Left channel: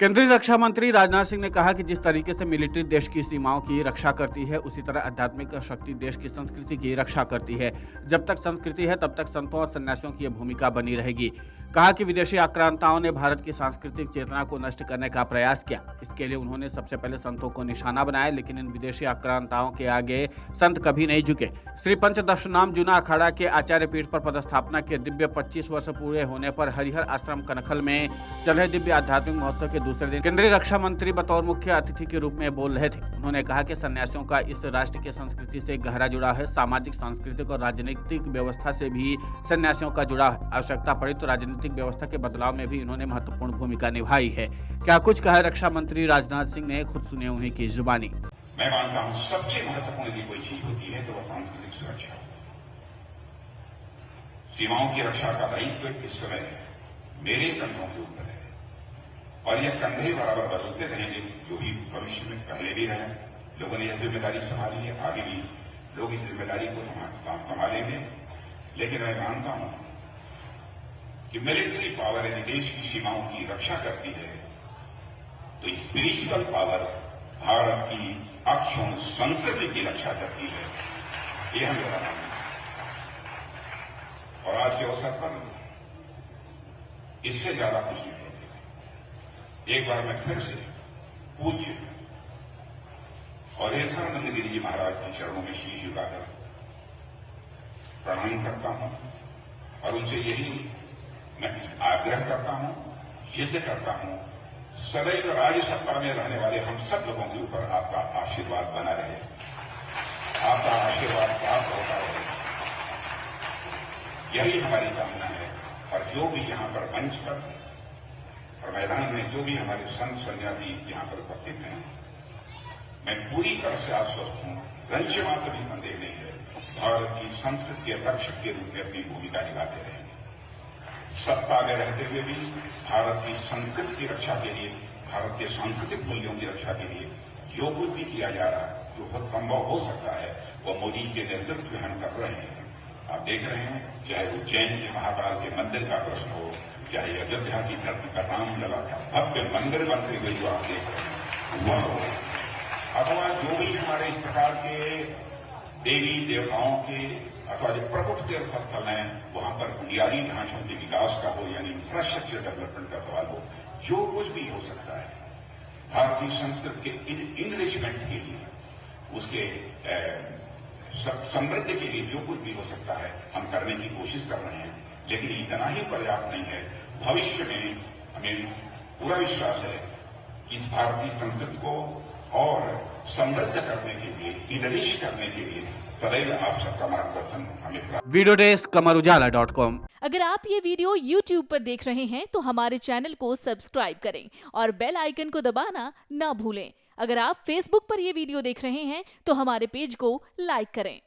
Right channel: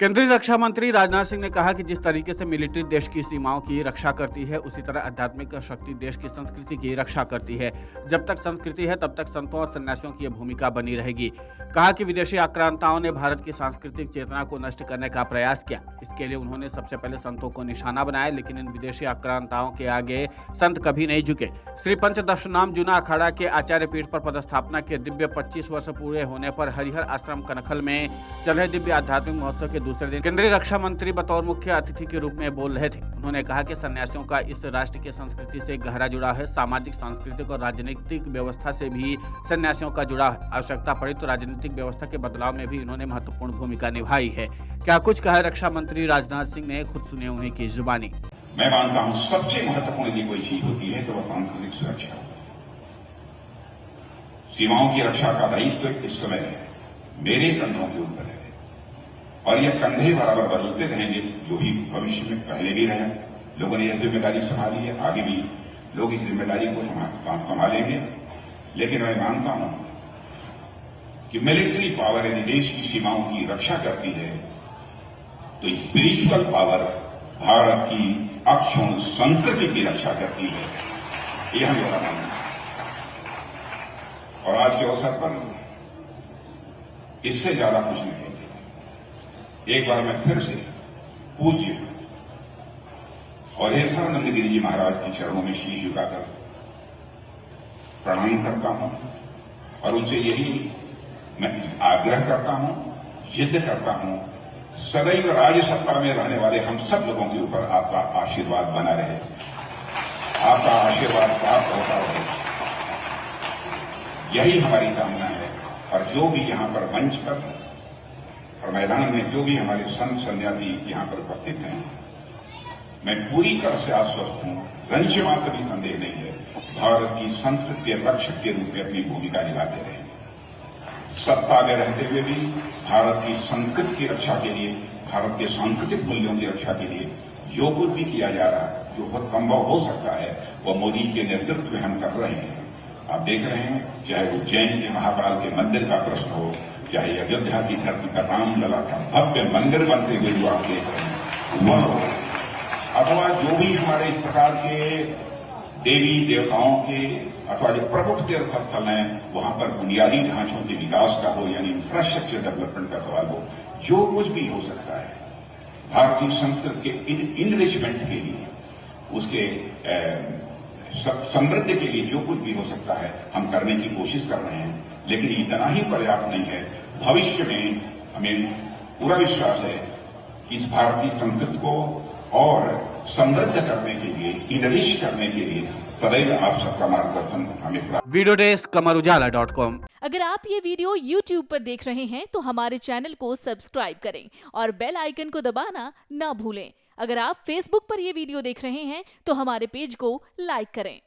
केंद्रीय रक्षा मंत्री राजनाथ सिंह ने कहा कि जिस तरीके से मिलिट्री देश की सीमाओं की रक्षा करती है, उसी तरह आध्यात्मिक शक्ति देश की संस्कृति की रक्षा करती है। जब तक संस्कृति है, तब तक संतों और सन्यासियों की यह भूमिका बनी रहेगी। कहा कि विदेशी आक्रांताओं ने भारत की सांस्कृतिक चेतना को नष्ट करने का प्रयास किया। इसके लिए उन्होंने सबसे पहले संतों को निशाना बनाया, लेकिन इन विदेशी आक्रांताओं के आगे संत कभी नहीं झुके। श्री पंचदशनाम जूना अखाड़ा के आचार्य पीठ पर पदस्थापना के दिव्य 25 वर्ष पूरे होने पर हरिहर आश्रम कनखल में चल रहे दिव्य आध्यात्मिक महोत्सव के दूसरे दिन केंद्रीय रक्षा मंत्री बतौर मुख्य अतिथि के रूप में बोल रहे थे। उन्होंने कहा कि सन्यासियों का इस राष्ट्र की संस्कृति से गहरा जुड़ाव है। सामाजिक, सांस्कृतिक और राजनीतिक व्यवस्था से भी सन्यासियों का जुड़ाव है। आवश्यकता पड़ी तो राजनीतिक व्यवस्था के बदलाव में भी इन्होंने महत्वपूर्ण भूमिका निभाई है। क्या कुछ कहा रक्षा मंत्री राजनाथ सिंह ने, खुद सुने उन्हीं की जुबानी। मैं मानता हूं सबसे महत्वपूर्ण यदि कोई चीज होती है तो वह सांस्कृतिक सुरक्षा। सीमाओं की रक्षा का दायित्व इस समय मेरे कंधों के ऊपर है और ये कंधे बराबर बदलते रहेंगे, जो भी भविष्य में पहले भी रहे। लोगों ने यह जिम्मेदारी संभाली है, आगे भी लोग इस जिम्मेदारी को संभालेंगे। लेकिन मैं मानता हूं कि मिलिट्री पावर यदि देश की सीमाओं की रक्षा करती है तो स्पिरिचुअल पावर भारत की अक्षुण संस्कृति की रक्षा करती है। यह मेरा मानना है। और आज के अवसर पर इससे ज्यादा कुछ नहीं है। एक बार मैं फिर से पूज्य और ऐश्वर्यानंद गिरी जी महाराज के चरणों में शीश झुकाकर प्रणाम करता हूं और उनसे यही मैं आग्रह करता हूं, जिद करता हूं, सदैव राज्य सत्ता में रहने वाले हम सब लोगों के ऊपर आपका आशीर्वाद बना रहे, आपका आशीर्वाद प्राप्त होता रहे। यही हमारी कामना है। और जो भी यहां पर मंच पर और मैदान में जो भी हमारे संत सन्यासी यहां पर उपस्थित हैं, मैं पूरी तरह से आश्वस्त हूं, रंच मात्र भी संदेह नहीं है, भारत की संस्कृति के रक्षक के रूप में अपनी भूमिका निभाते रहे। सत्ता में रहते हुए भी भारत की संस्कृति की रक्षा के लिए, भारत के सांस्कृतिक मूल्यों की रक्षा के लिए जो कुछ भी किया जा रहा है, जो बहुत संभव हो सकता है, वह मोदी के नेतृत्व में हम कर रहे हैं। आप देख रहे हैं, चाहे उज्जैन के महाकाल के मंदिर का प्रश्न हो, चाहे अयोध्या की धरती का रामलला का भव्य मंदिर बनते हुए जो आप देख रहे हैं वह हो, अथवा जो भी हमारे इस प्रकार के देवी देवताओं के अथवा जो प्रमुख तीर्थ स्थल हैं, वहां पर बुनियादी ढांचों के विकास का हो, यानी इंफ्रास्ट्रक्चर डेवलपमेंट का सवाल हो, जो कुछ भी हो सकता है भारतीय संस्कृति के इनरिचमेंट के लिए, उसके समृद्धि के लिए जो कुछ भी हो सकता है हम करने की कोशिश कर रहे हैं। लेकिन इतना ही पर्याप्त नहीं है। भविष्य में हमें पूरा विश्वास है कि इस भारतीय संस्कृति को और समृद्ध करने के लिए, इनरिच करने के लिए सदैव आप सबका मार्गदर्शन हमें प्राप्त। वीडियो डेस्क कमरुजाला.com। अगर आप ये वीडियो YouTube पर देख रहे हैं तो हमारे चैनल को सब्सक्राइब करें और बेल आइकन को दबाना ना भूलें। अगर आप Facebook पर ये वीडियो देख रहे हैं तो हमारे पेज को लाइक करें।